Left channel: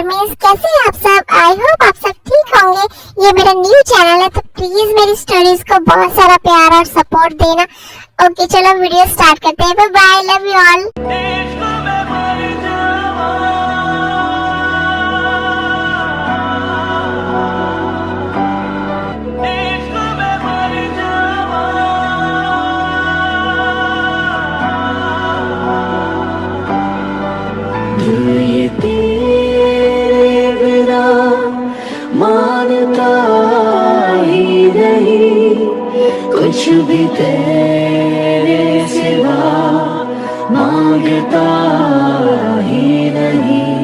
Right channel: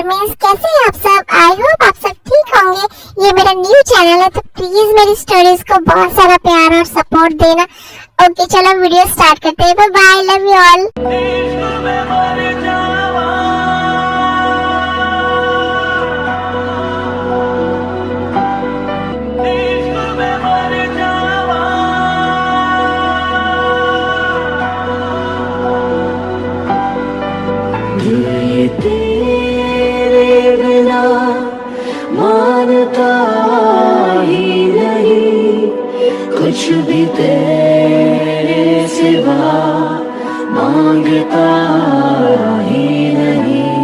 आर्मीज, कैसे हैं आप सब। आई होप आप सब ठीक होंगे। ये मेरा न्यू चैनल है तो प्लीज मेरी स्टोरीज को बहुत सारा प्यार और सपोर्ट देना। ओके चलो वीडियो स्टार्ट करते हैं। Bye bye, love you all. ये तेरे बिना मानता ही नहीं, कुछ भी तेरे सिवा मांगता ही नहीं।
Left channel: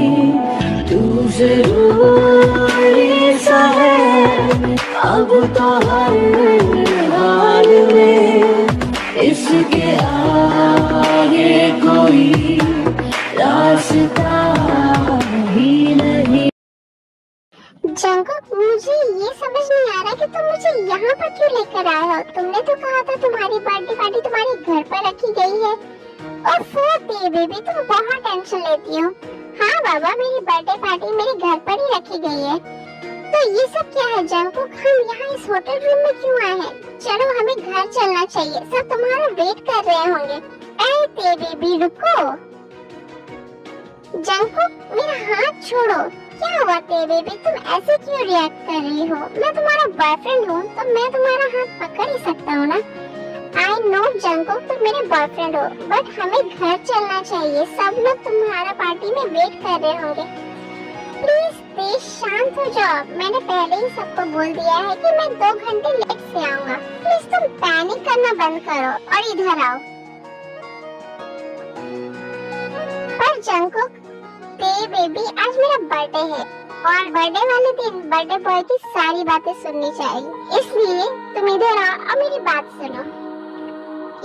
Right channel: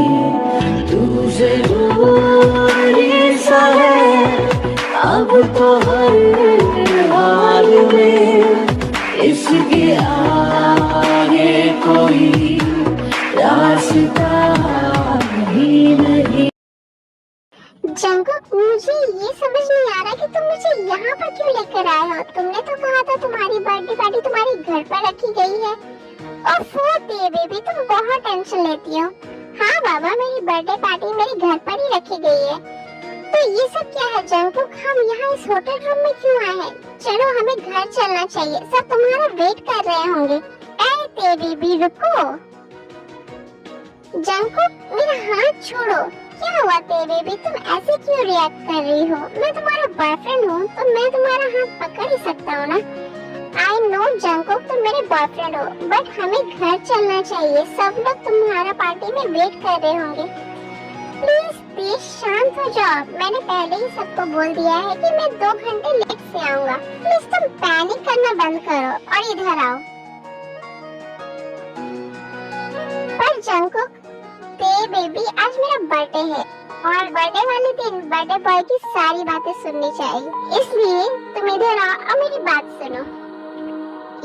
तू जरूरी सा है अब तो हर हाल में, इसके आगे कोई रास्ता ही नहीं। जंकुक, मुझे ये समझ नहीं आ रहा कि तुम मुझे यहाँ पर क्यों लेकर आए हो। तुमने तो कहा था तुम्हारी बर्थडे पार्टी तुम्हारे घर पर रखी गई है। और बेबी तुम बहुत टेंशन लेती हो। हाँ बाबा, मेरी बर्थडे पार्टी मेरे घर पर ही रखी गई है। तो ये सब क्या है जंकुक, हम यहाँ इस होटल रूम में क्यों आए हैं। चलो हमें घर चलना चाहिए, सब तुम्हारा वेट कर रहे होंगे। ऐ बेबी रुको। जंकुक मेरा हाथ छोड़ो। क्या हुआ बेबी, तुम ऐसे क्यों रिएक्ट कर रही हो। मैं तुम्हारा बॉयफ्रेंड हूँ तो मैं तुम्हारा हाथ पकड़ ही सकता हूँ ना। आई नो जंकुक, तुम मेरे बॉयफ्रेंड हो, बट हमें घर चलना चाहिए। सब लोग तुम्हारा पार्टी में वेट कर रहे होंगे। प्लीज शांत हो जाओ। मैंने पहले ही सबको बोल दिया है कि मैं 2 घंटे लेट से आऊंगा। प्लीज तुम पैनिक करना बंद करो और इधर आओ। पर जंकुक बेबी, आज मेरा बर्थडे है और बर्थडे वाले दिन बर्थडे बॉय की सारी बातें सुननी चाहिए। इसलिए तुम इधर आओ और मेरी बात सुनो।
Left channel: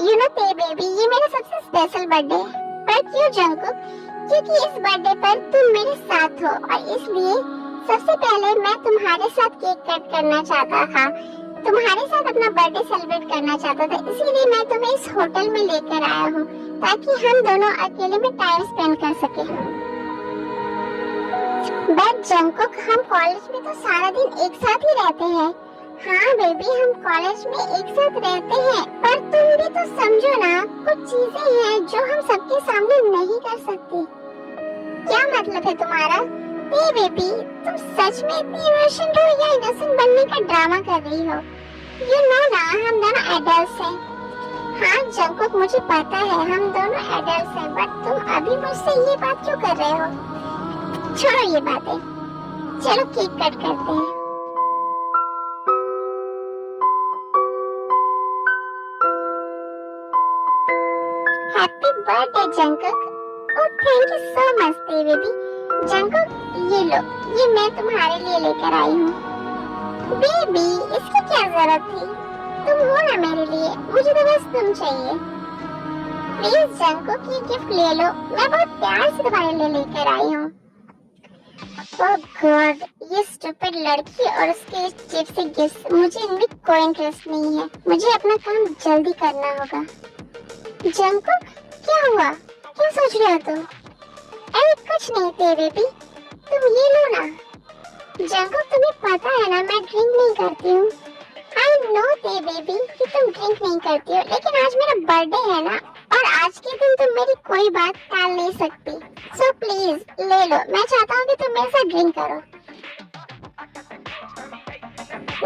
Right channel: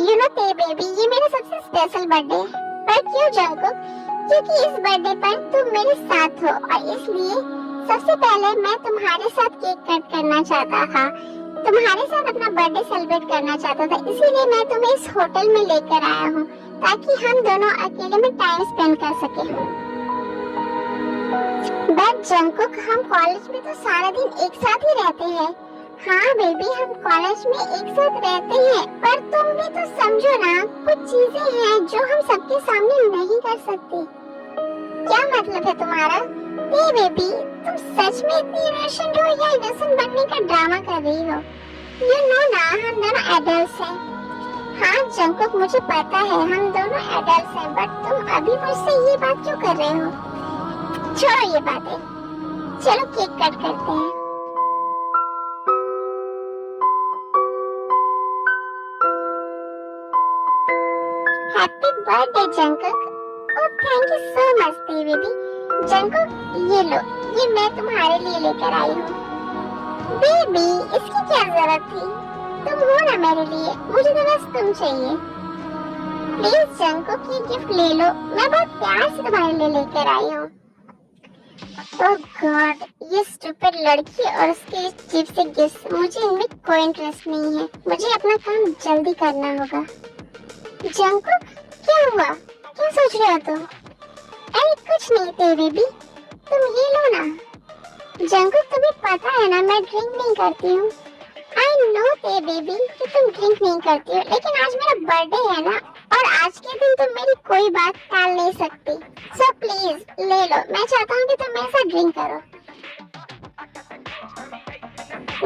यू नो बेबी, ये मेरा सबसे स्पेशल बर्थडे है। पर क्यों जंकुक? क्योंकि इस बर्थडे पर तुम मेरे साथ हो और इसलिए सबसे पहले मैं तुम्हारे साथ केक कट करना चाहता था। तुम्हारे साथ अपना बर्थडे सेलिब्रेट करना चाहता था। इसीलिए मैं तुम्हें इस होटल में लेकर आया हूँ ताकि हम दोनों अकेले में टाइम स्पेंड कर सकें। बट जंकुक, हम कॉलेज में तो सारा दिन एक साथ ही रहते हैं। हाँ बेबी, हम कॉलेज में एक साथ रहते हैं, पर तुम भी तो समझो ना, कुछ चीजें हैं जो हम सबके सामने नहीं कर सकते। क्या मतलब है तुम्हारा? बेबी, तुम सच में इतनी इनोसेंट हो या इनोसेंट बनने का ड्रामा कर रही हो? यू नो ना, हम दोनों एडल्ट्स हैं। हाँ जंकुक, मुझे पता है हम दोनों एडल्ट्स हैं, बट तुम अभी मुझसे ये बात क्यों कर रहे हो? छोड़ो ये बातें, चलो केक कट करते हैं। Happy birthday Jungkook. Oh thank you so much baby. Jungkook ये लो, ये मैं तुम्हारे लिए लेकर आई हूँ। बेबी, इसकी क्या जरूरत थी? तुम हो ना मेरे लिए, मुझे तो बस तुम चाहिए। प्लीज जंकुक ये गिफ्ट ले लो, मैं बहुत प्यार से तुम्हारे लिए लेकर आई हूँ। ओह गॉड, ये स्टूपिड लड़की और उसके चिप से गिफ्ट, मुझे इनमें कोई इंटरेस्ट नहीं है। मुझे अपना काम जल्दी करना होगा। जंकुक क्या हुआ, क्या सोच रहे हो तुम? अरे कुछ नहीं थे बेबी, तुम ये लो ना। जंकुक तुम्हें पता है ना मैं ड्रिंक नहीं करती हूँ। आई नो थे बेबी कि तुम ड्रिंक नहीं करती हो, लेकिन आज मेरा बर्थडे है ना, और आज के दिन तुम मेरी कोई बात टाल नहीं सकती। सो प्लीज ले लो, मैं चाहता हूँ कि तुम मेरे साथ ड्रिंक करो।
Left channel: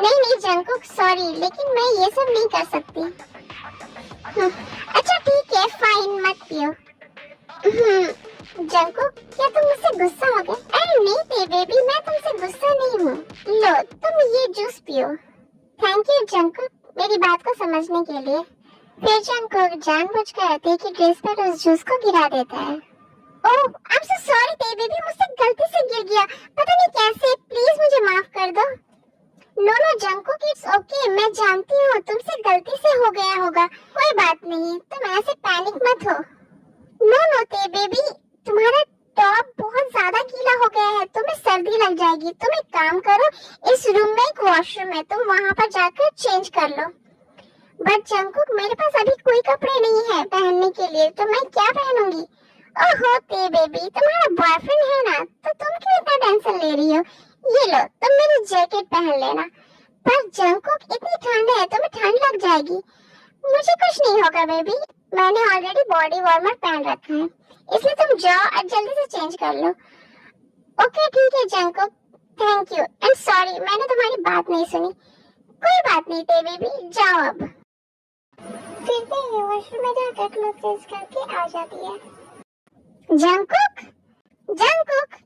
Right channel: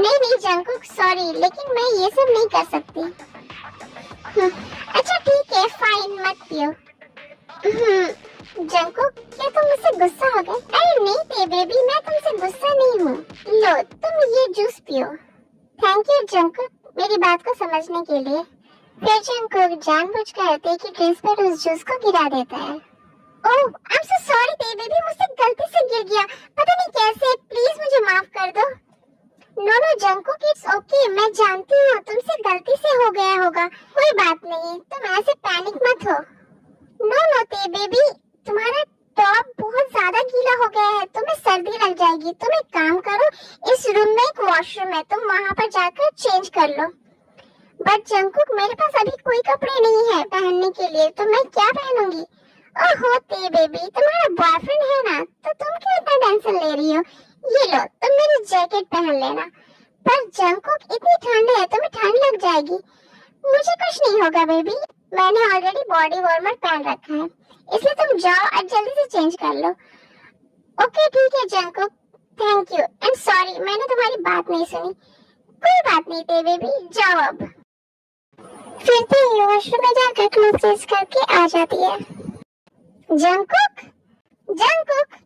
नहीं जंकुक सॉरी, लेकिन मैं ये सब नहीं कर सकती। अच्छा ठीक है फाइन, मत पियो। जंकुक क्या तुम मुझसे गुस्सा हो गए? अरे नहीं थे बेबी, मैं तुमसे गुस्सा नहीं हूँ। लो तुम ये जूस पियो। थैंक यू जंकुक मेरी बात को समझने के लिए। फिर जंकुक जानबूझकर थे की ड्रेस पर उस जूस को गिरा देता है। ओह आई एम सो सॉरी थे बेबी, मुझसे गलती से गिर गया, पता नहीं कैसे, प्लीज मुझे माफ कर दो। नो जंकुक इट्स ओके, मैं जानती हूँ तुमसे गलती से हो गया होगा, कोई बात नहीं, तुम ऐसे पैनिक मत हो। नो ते बेबी, तुम्हारा टॉप बहुत ज्यादा गीला हो गया है, तुम्हें सर्दी लग जाएगी। तुम एक काम करो, इस रूम में एक वॉशरूम है, तुम वहाँ पर जाकर चेंज कर लो। बट जंकुक मेरे पास अभी कोई कपड़े नहीं है पहनने के लिए, तो मैं क्या पहनूंगी? ओहो ते बेबी, तुम्हारा बॉयफ्रेंड है ना, तो तुम क्यों इतना टेंशन ले रही हो? ये लो तुम मेरी जैकेट पहन लेना। पर जंकुक इतनी ठंड है, तुम्हें ठंड लग जाएगी। मुझे कुछ नहीं होगा बेबी, मैंने ऑलरेडी बॉडी वार्मर पहन रखा है, इसलिए तुम जाओ और जल्दी से चेंज कर लो। ओके ठीक है Jungkook, thank you and sorry मैंने तुम्हारी बात नहीं सुनी। कोई बात नहीं थे बेबी, जाओ अब। फिर तो ये वॉशरूम में जाकर क्लोथ चेंज करके आ जाती है। जंकुक, जंकुक,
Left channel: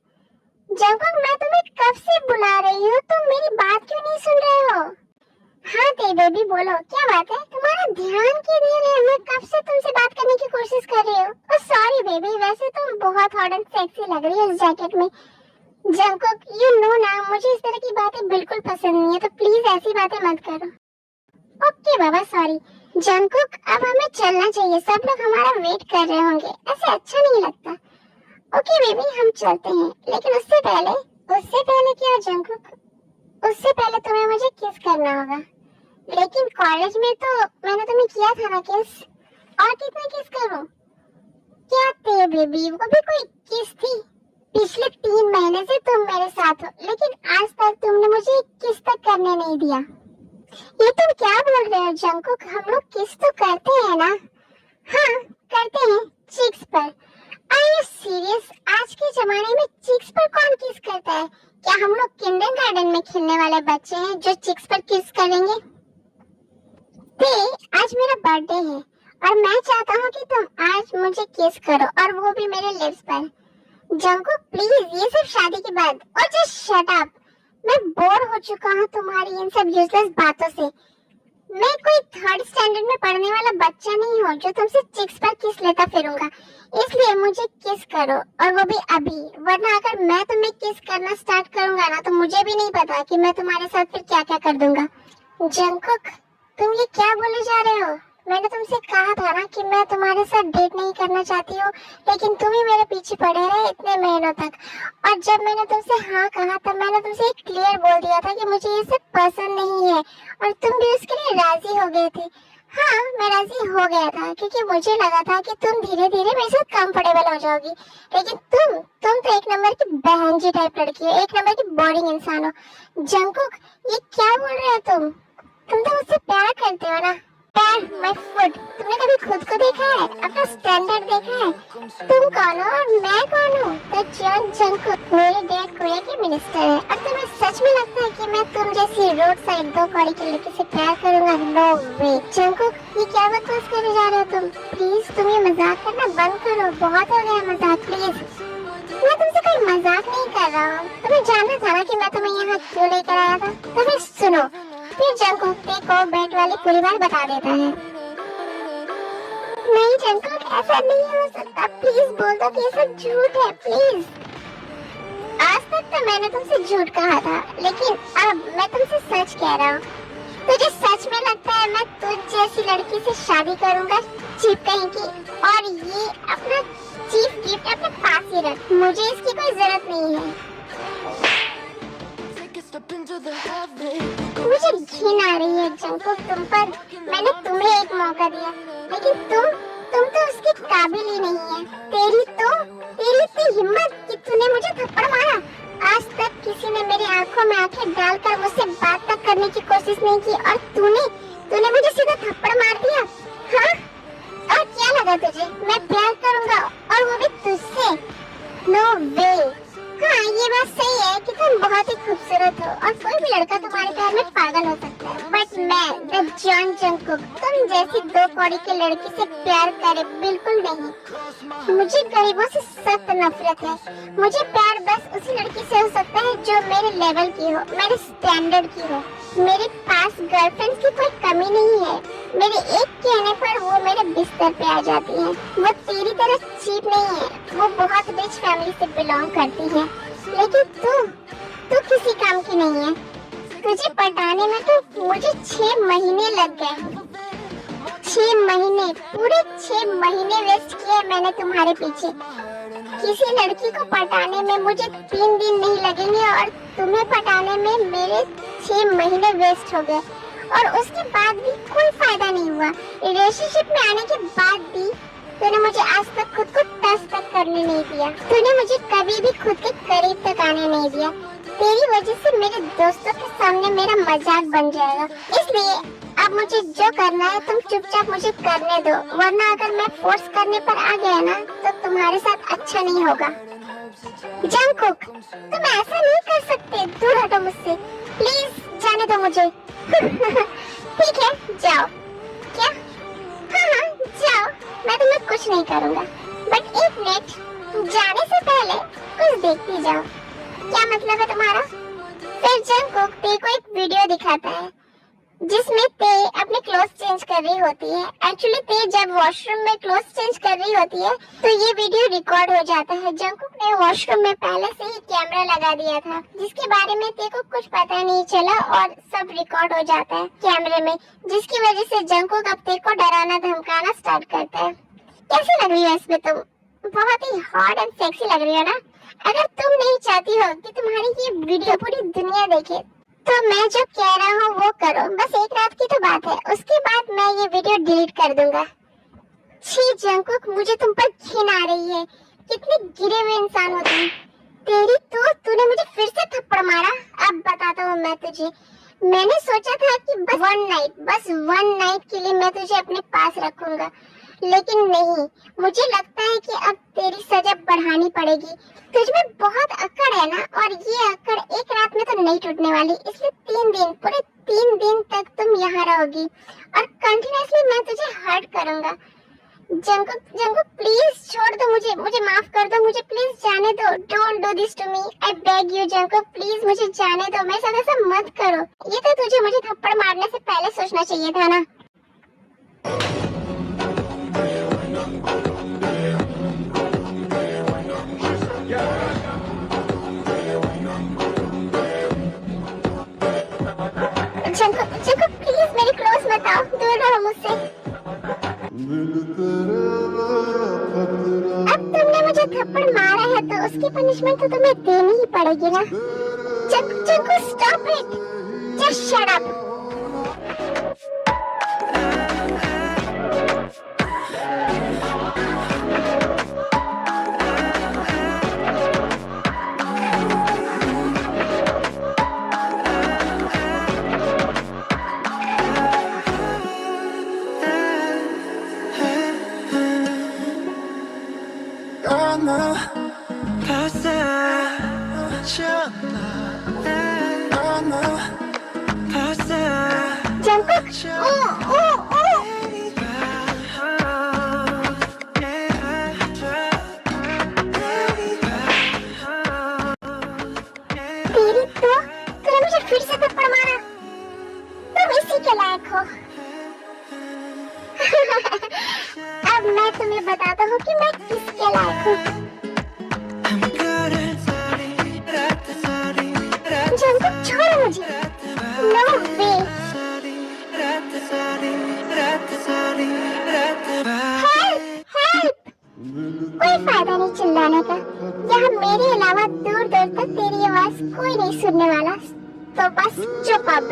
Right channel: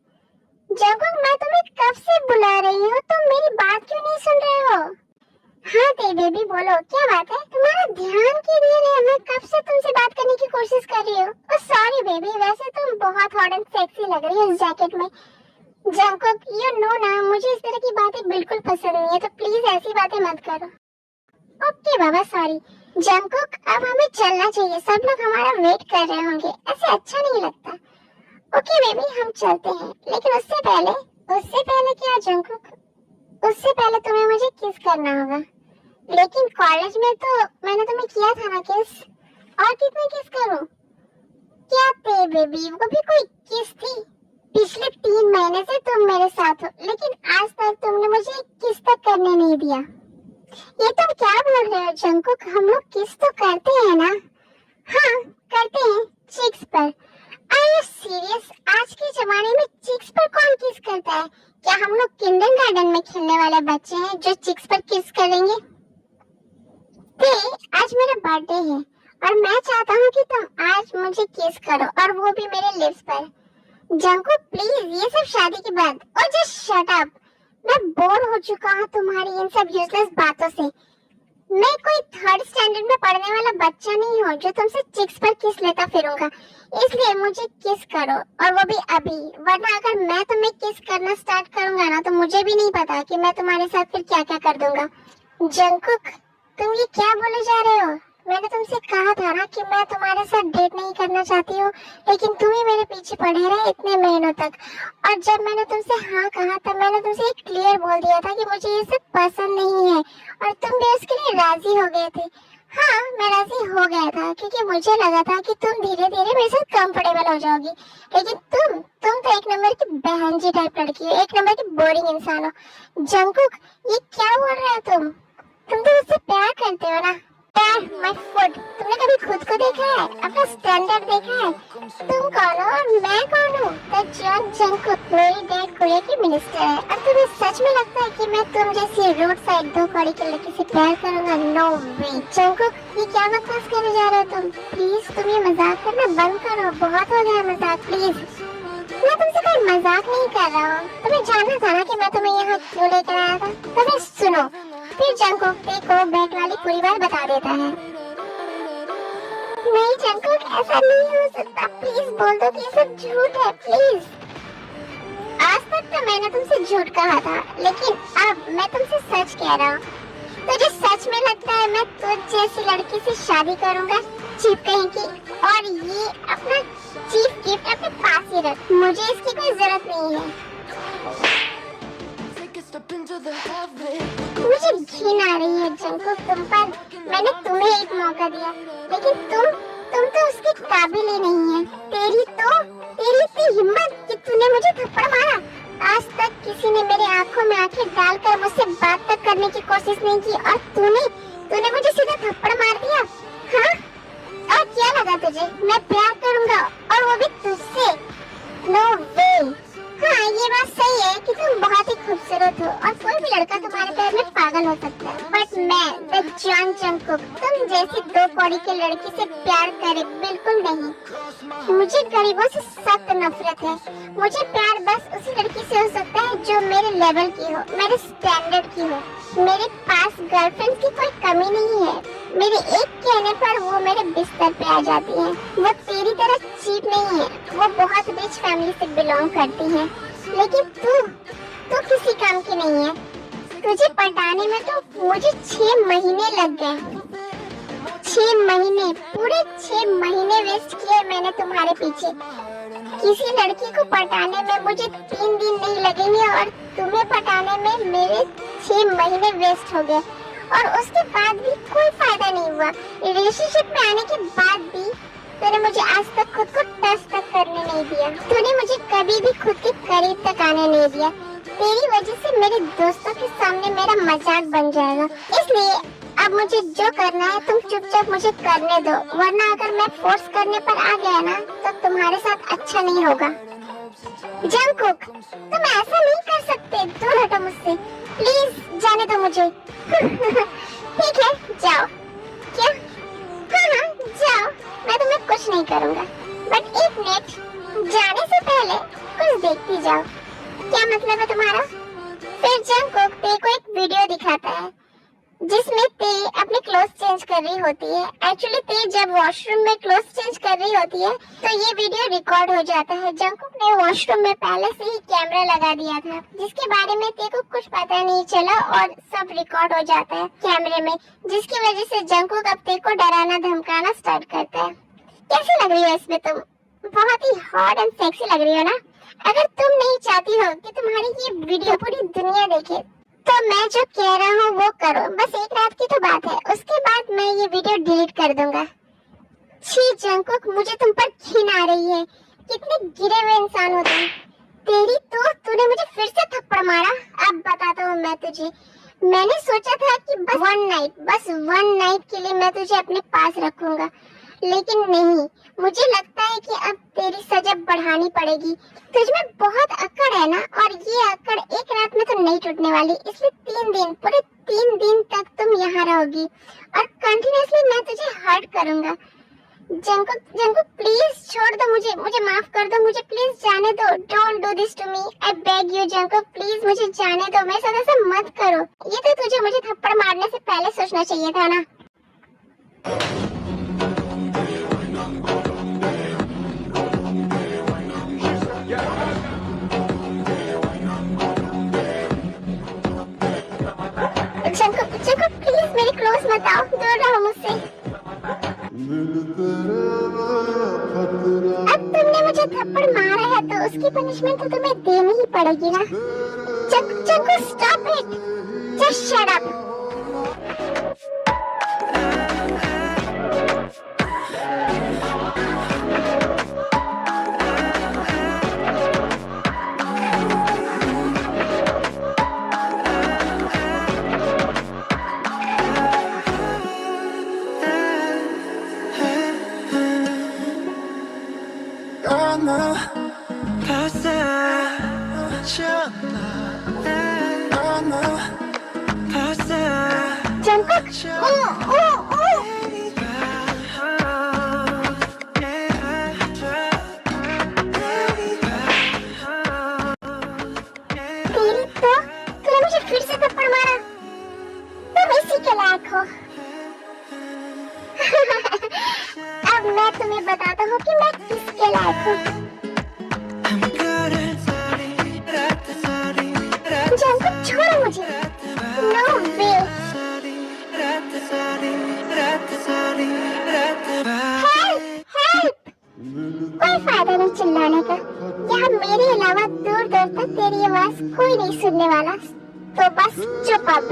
जंकुक, मैं तुम्हें कब से बुला रही हूँ, तुम मेरी बात क्यों नहीं सुन रहे हो? हाँ ते बेबी बोलो, क्या बात है? तुम्हारा ध्यान किधर है? मैं कब से तुमसे बात करने की कोशिश कर रही हूँ। और सॉरी बेबी, वैसे तुम बहुत हॉट एंड सेक्सी लग रही हो इस जैकेट में। जंकुक यू नो ना, मुझे इस तरह की बातें बिल्कुल पसंद नहीं है, तो प्लीज ऐसी बातें मत करो। ओके बाबा सॉरी। जंकुक अब हमें चलना चाहिए, सब लोग हमारा वेट कर रहे होंगे, ऐसे अच्छा नहीं लगता। ओके बेबी हम चलते हैं, लेकिन उससे पहले क्या जंकुक? उससे पहले तुम्हें मुझे किस करना होगा। लेकिन कॉलेज में तो मैंने तुम्हें किया था ना किस, और कितना किस करूं? क्या थे बेबी, वो भी कोई किस थी? पिछले 3 महीने से तुम मेरे साथ हो, लेकिन आज तक तुमने मुझे किस तक करने नहीं दिया। ये तुम क्या बोल रहे हो जंकुक? हम लोग किस तो करते हैं ना? हाँ करते हैं, चिक्स पर। Are you serious? आज के जमाने में चिक्स पर कौन किस करता है? क्या हम लोग किंडरगार्टन में खेलने वाले बच्चे हैं जो चिक्स पर किस करेंगे? ते आज मेरा बर्थडे है और मैं चाहता हूँ कि तुम आज मुझे किस करो, और वो भी मेरे लिप्स पर। जंकुक प्लीज, ये सब शादी के बाद। और जस्ट शट अप, मैं बोर हो चुका हूँ तुम्हारी इन सब यूजलेस बातों से। मैं कोई 3rd स्टैंडर्ड में पढ़ने वाला बच्चा नहीं हूँ जो तुमसे चिक्स पर किस लेता फिरूंगा। इसलिए मुझे किस करो, और वो भी अभी, वरना अगर मैं तुम्हें किस करना स्टार्ट करूंगा ना तो मुझे भी नहीं पता कि मैं तुम्हारे साथ फिर क्या क्या कर दूंगा। जंकुक तुम ये क्या बोले जा रहे हो? मैंने तुमसे कहा था ना कि मैं तुम्हारे साथ डेट नहीं करना चाहती हूँ, लेकिन तुम ही मेरे पीछे पड़े रहे इतने महीनों तक। और जब मैंने तुमसे हाँ कहा तब मैंने तुमसे क्लियर बोल दिया था कि मुझे ये सब पसंद नहीं है, और तुम भी उसके लिए राजी हो गए थे। हाँ मैं राजी हो गया था क्योंकि मुझे लगा था कि तुम धीरे धीरे मेरे साथ कंफर्टेबल हो जाओगी, लेकिन तुम तो एक नंबर की बहन जी टाइप लड़की हो, एक नंबर की बोरिंग इंसान हो। जंकुक ये क्या बोल रहे हो तुम तो मुझसे प्यार करते हो ना? माय फुट, तुमने कभी खुद को देखा है? अपना स्टैंडर्ड देखा है? तुम कौन हो और मैं कौन हूँ? दैट जॉन जंकुक मेरे डैड कोरिया के मिनिस्टर है, और तुम्हें सच में लगता है कि मैं तुम जैसी रोड साइड 2 कौड़ी की लड़की से प्यार करूंगा? नो वे। जंकुक ये क्या बकवास करने जा रहे हो तुम? प्लीज तुम ये मजाक करना बंद करो, बहुत हो गया मजाक प्लीज। मैं तुमसे कोई मजाक नहीं कर रहा हूँ, तुम्हें जानना था ना कि मैं तुम्हें यहाँ क्यों लेकर आया था? तो फिर सुनो, फिर जंकुक को बेट वाली पूरी बात बता देता है। नहीं जंकुक ऐसा नहीं हो सकता, प्लीज बोल दो कि ये सब झूठ है प्लीज। आज तक तो मैंने तुमसे झूठ कहा था, लेकिन अब मैं तुमसे सच कह रहा हूँ। तुझे सच में लगता है मैं तुझ जैसी लड़की से शादी करूंगा? चीप कहीं की, और ये अपना चीफ गिफ्ट अपने पास ही रख, मुझे इसकी कोई जरूरत नहीं है। मुझे घिन आ रही है जंकुक तुम पर। मैंने तुम्हें एक मौका दिया, लेकिन तुम तो उसके काबिल ही नहीं है। तेरी इतनी हिम्मत कि तूने मुझे थप्पड़ मारा। आज तक किसी ने मेरी आंखों में आंखें डालकर मुझसे बात तक करने की कोशिश नहीं की, और तूने मुझे सीधा थप्पड़ मार दिया। हाँ और क्या लगा तुझे मैं प्यार करूंगा, और वो भी तुझसे? नो वे। हाँ ये बात सही है कि तुम बहुत ही खूबसूरत हो, और कोई भी लड़का तुम्हारे प्यार में पागल हो सकता है, बट मैं द जॉन जंकुक तुम जैसी 2 कौड़ी की लड़की से प्यार करे बिल्कुल नहीं। मुझे गरीबों से सख्त नफरत है। मुझे प्यार बस उसी लड़की से हो सकता है जो मेरे लेवल की हो, मेरे स्टैंडर्ड की हो। मेरे पास गर्लफ्रेंड की कोई कमी नहीं है, मेरे एक कहने पर वो मेरे बिस्तर पे आ जाती है। वो तेरी तरह चीप नहीं है, वो बहुत रिच फैमिली से बिलोंग करती है, लेकिन तू किसी काम की नहीं है। तुझे पटाने में तो मुझे 6 महीने लग गए। 6 महीने, पूरे 6 महीने वेस्ट किए मैंने तुम्हारे पीछे। किसी लड़की को पटाने में मुझे 3 दिन नहीं लगेंगे, और तुम्हें पटाने में मेरे 6 महीने वेस्ट हो गए, और उसके बाद भी कोई फायदा नहीं हुआ। रिलेशनशिप में आने के बाद भी तूने मुझे आज तक खुद को टच तक करने नहीं दिया। तूने मुझे कभी भी खुद के करीब तक आने नहीं दिया। तेरी वजह से मेरे दोस्तों के सामने मेरा मजाक बन जाएगा। इसलिए अब मुझे जो करना है तुम चुपचाप मुझे करने दो, वरना अगर मैं फोर्स करने पर आ गया ना तो तुम्हारे साथ अच्छा नहीं होगा। जंगकुक, तुम ऐसा नहीं कर सकते, दूर हटो मुझसे, प्लीज जाने दो मुझे। ठीक है, जाओ। क्या? हाँ, जाओ, मैं तुम्हें कुछ नहीं करूँगा। बट एक मिनट, जाने से पहले कुछ देखती जाओ। क्या मतलब है तुम्हारा? फिर जंगकुक ते को एक वीडियो दिखाता है जिसमें ते अपने क्लोथ चेंज कर रही होती है। एक्चुअली ते जब वॉशरूम में क्लोथ चेंज कर रही होती है तो ये वीडियो रिकॉर्ड हो जाता है। जंगकुक ने वॉशरूम में पहले से ही कैमरा लगा दिया था जिसके बारे में ते को कुछ पता नहीं चला और सब रिकॉर्ड हो जाता है कैमरे में, जिसकी वजह से जंगकुक अब ते को डराना धमकाना स्टार्ट करता है। कैसी लग रही हो इसमें तुम? बहुत ही हॉट एंड सेक्सी लग रही हो ना। अगर तुम नहीं चाहती हो कि तुम्हारी ये वीडियो पूरी दुनिया देखे तो मैं जो कह रहा हूँ वो करो। बस एक रात की तो बात है, उसके बाद मैं ये वीडियो डिलीट कर दूंगा। छी जंगकुक, मुझे तुम पर घिन आ रही है। कितने गिरे हुए इंसान हो तुम। तेरी तो तूने मुझे फिर से थप्पड़ मारा। अब बताता हूँ मैं तुझे। मैंने सोचा था कि बस वन नाइट के लिए मैं तुझे अपने पास रखूंगा, लेकिन नहीं, मुझे लगता है कि अब तेरी सजा बढ़ानी पड़ेगी। तुझमें बहुत अकड़ है ना, और ये अकड़ एक रात में तो नहीं टूटने वाली। इसलिए 3 दिन, पूरे 3 दिन तक तुम यहाँ रहोगी और कंटिन्यूअसली मैं तुझे हर्ट करूंगा। जंगकुक प्लीज छोड़ दो मुझे माफ कर दो, मुझे प्लीज जाने दो। Don't do this to me, I beg you Jungkook, please मुझे जाने दो। मेरे साथ ऐसा मत करो। ये तो तुझे मुझे थप्पड़ मारने से पहले सोचना चाहिए था ना। जंगकुक प्लीज मेरे क्लोज मत आओ, दूर रहो मुझसे। अब तुमने मुझे थप्पड़ मारा है तो उसकी पनिशमेंट तो तुम्हें देनी ही पड़ेगी ना। Jungkook stop it, just shut up. फिर से थप्पड़ मारा, तुम इसी के लायक हो। अब मैं तुम्हें बताता हूँ कि मैं किसके लायक हूँ। जंगकुक छोड़ो मुझे, नो वे। कोई फायदा नहीं चिल्लाने का, यहाँ मेरे अलावा दूर दूर तक तेरी आवाज कोई नहीं सुनने वाला, तो बस चुप अब।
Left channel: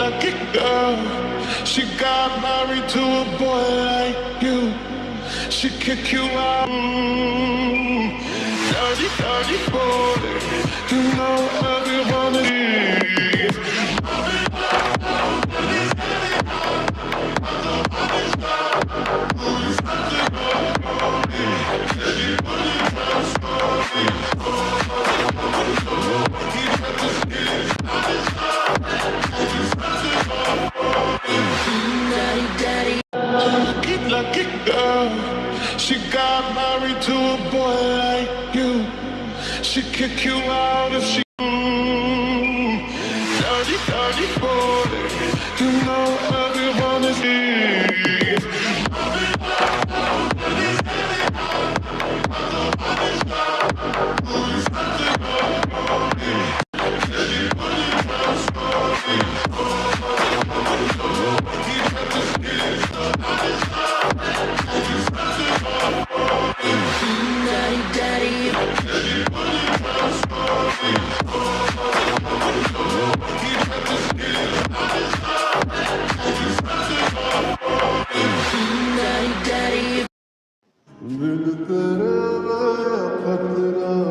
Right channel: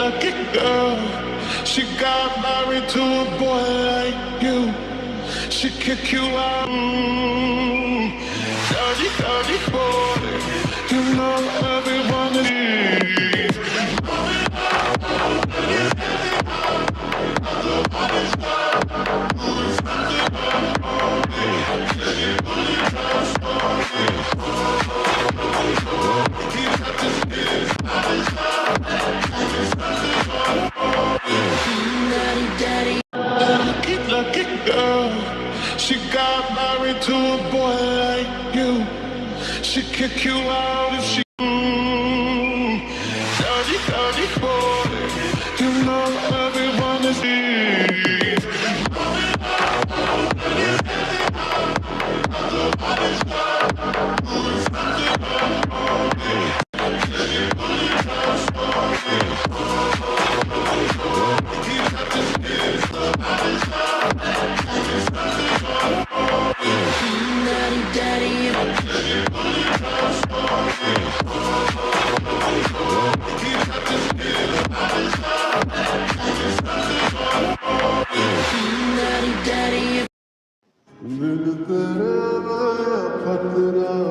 Lucky girl, she got married to a boy like you. She kick you out. Dirty, dirty boy, you know everyone is. Lucky girl, she got married to a boy like you. She kick you out if she. Dirty, dirty boy, Daddy, daddy. Daddy, daddy. दिल तेरे में खतरा